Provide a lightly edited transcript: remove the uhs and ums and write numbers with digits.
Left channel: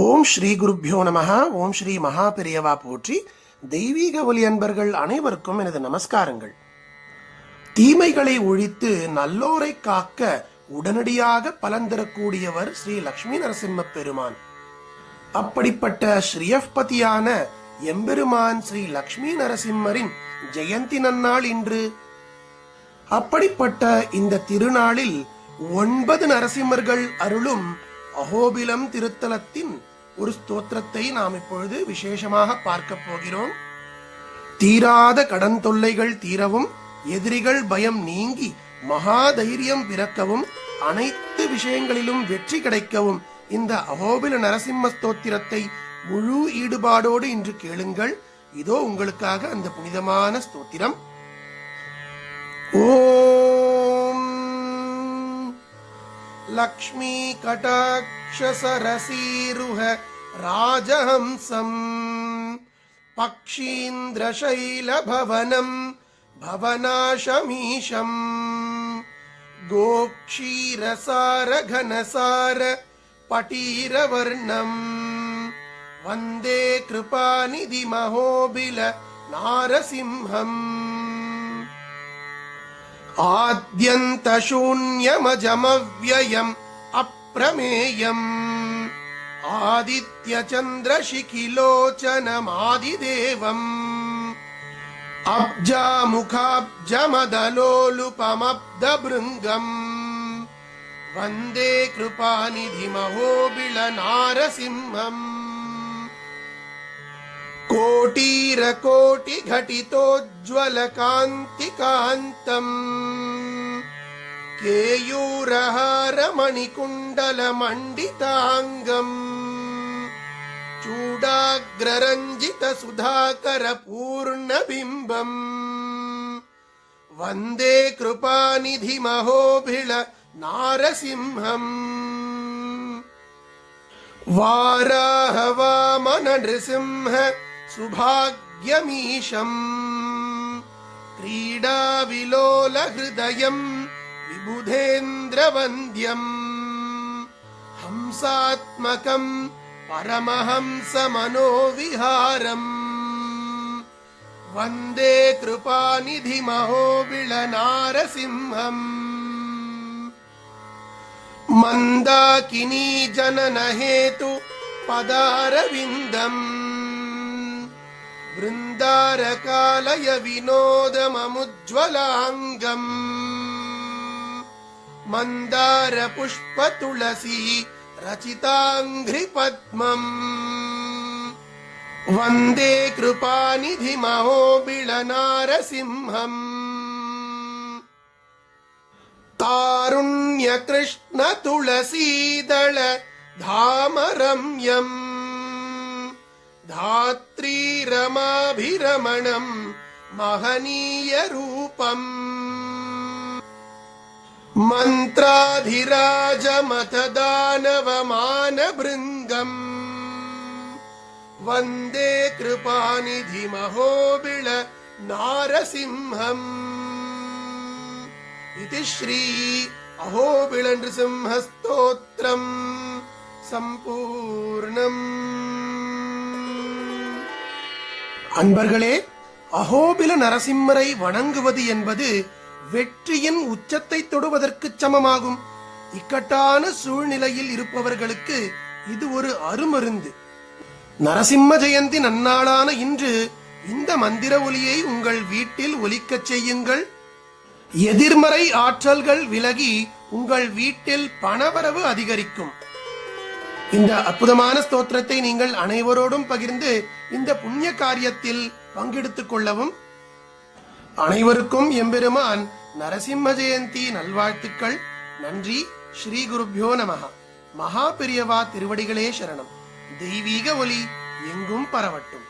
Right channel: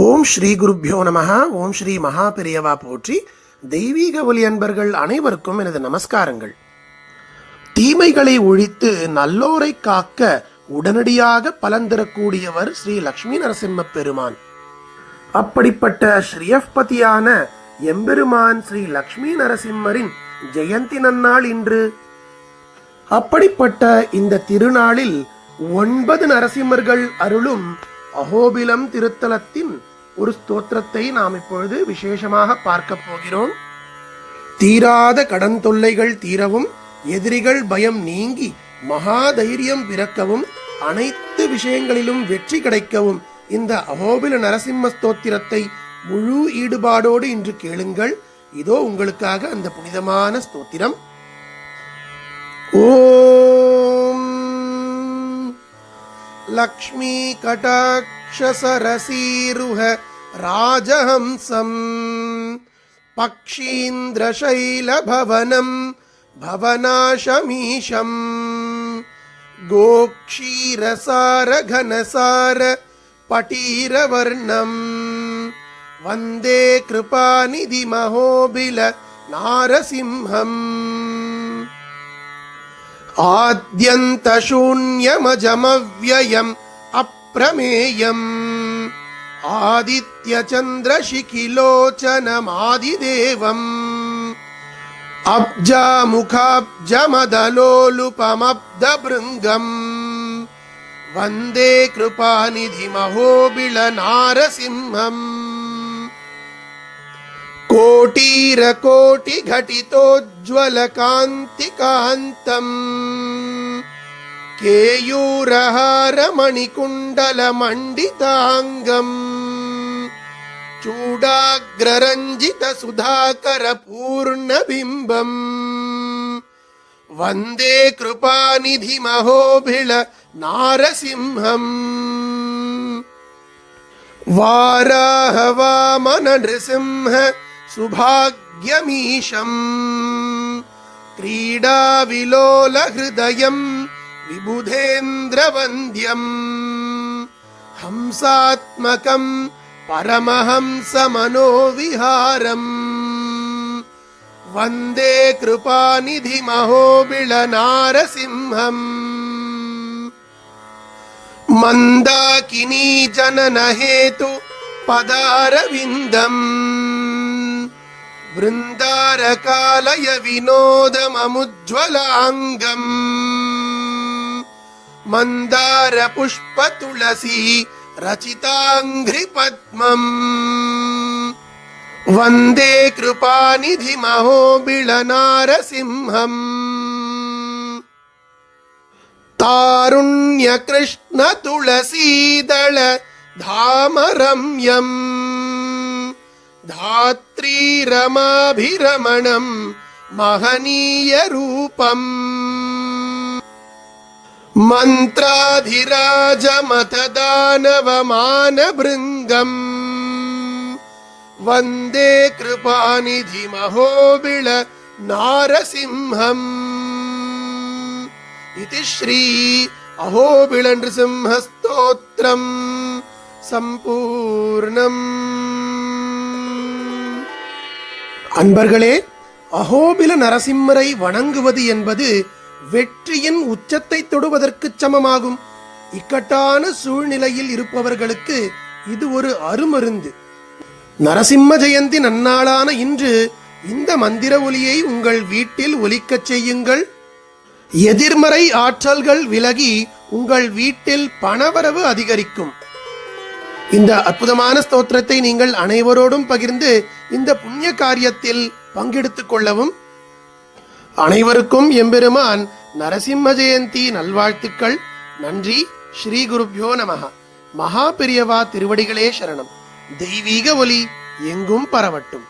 ஓம் ஸ்ரீ குருப்யோ நமஹ. ஓம் ஸ்ரீ மகா பெரியவா போற்றி. தெய்வீக ஒலி அன்பர்கள் அனைவருக்கும் எனது நமஸ்காரங்கள். தீமைகளை ஒழித்து நல்லோரை காக்க உடனடியாக பலன் தரக்கூடியவர் ஸ்ரீ லக்ஷ்மி நரசிம்ம பெருமான். அப்படிப்பட்ட ஸ்ரீயப்பதியான எம்பெருமான் ஸ்ரீ லக்ஷ்மி நரசிம்மரின் ஜெயந்தி நன்னாள் இன்று. அப்படிப்பட்ட இந்த திருநாளில் 9 நரசிம்மர்கள் அருளும் அஹோபிலம் திருத்தலத்தின் ஒரு ஸ்தோத்திரத்தை நாம் இப்பொழுது விசேஷமாக பார்க்க போகிறோம். தீராத கடன் தொல்லைகள் தீரவும், எதிரிகள் பயம் நீங்கி மகா தைரியம் பிறக்கவும், அனைத்து விஷயங்களிலும் வெற்றி கிடைக்கவும் இந்த அஹோபில நரசிம்ம ஸ்தோத்திரத்தை முழு ஈடுபாடோடு இன்று கேளுங்கள். இதோ உங்களுக்காக அந்த புனிதமான ஸ்தோத்திரம். ஓம் லக்ஷ்மி கடாட்ச சரசீருஹ ராஜஹம்சம் பக்ஷீந்திர சைல பவனம் பவனாசமீஷம் கோக்ஷீரசார கனசார பட்டீரவர்ணம் வந்தே கிருபாநிதி மகோபில நாரசிம்ஹம் ஆத்யந்த சூன்யமஜமவ்யயம் அப்ரமேயம் ஆதித்ய சந்திர சிகிலோச்சனமாதிதேவம் அப்ஜாமுகாப்ஜமதலோலுபமப்தபிருங்கம் வந்தே கிருபாநிதி மகோபில நாரசிம்ஹம் கோட்டீர கோட்டி घटितोज्ज्वल कांति कांतम केयूरहार मणिकुंडल मंडितांगम चूडाग्ररंजित सुधाकर पूर्ण बिंबम वंदे कृपानिधि महोभिल नारसिंहम वाराह वामन नृसिंह सुभाग्यमीशम् क्रीडा विलोल हृदयं विबुधेन्द्रवन्द्यम् हंसात्मकं परमहंस मनोविहारम् वन्दे कृपानिधि महोबिल नारसिंहम् मंदाकिनी जनन हेतु पदारविंदम वृंदारकालय विनोदममुज्ज्वलांगम मंदार पुष्प तुलसी रचितांघ्रि पद्मम वंदे कृपानिधि महोबिल नारसिंहम् तारुण्य कृष्ण तुलसीदल धामरम्यम् धात्री रमाभिरमणम् महनीय रूपम् मंत्राधिराज मतदानवमान भृंगम् वंदे कृपानिधि महोबिल नारसिंहम् इति श्री अहोबिल नृसिंह स्तोत्रम संपूर्णम. அன்பர்களே, அஹோபில நரசிம்மரை வணங்குவது என்பது வெற்றியின் உச்சத்தை தொடுவதற்கு சமமாகும். இக்கட்டான சூழ்நிலையில் இருப்பவர்களுக்கு இது ஒரு அருமருந்து. நரசிம்ம ஜெயந்தி நன்னாளான இன்று இந்த மந்திர ஒலியை உங்கள் வீட்டில் ஒலிக்கச் செய்யுங்கள். எதிர்மறை ஆற்றல்கள் விலகி உங்கள் வீட்டில் பணவரவு அதிகரிக்கும். இந்த அற்புதமான ஸ்தோத்திரத்தை நீங்கள் அனைவரோடும் பகிர்ந்து இந்த புண்ணிய காரியத்தில் பங்கெடுத்துக் கொள்ளவும். அனைவருக்கும் எம்பெருமான் நரசிம்ம ஜெயந்தி நல்வாழ்த்துக்கள். நன்றி. ஸ்ரீ குருப்யோ நமஹ. மகா பெரியவா திருவடிகளே சரணம். தெய்வீக ஒலி எங்கும் பரவட்டும்.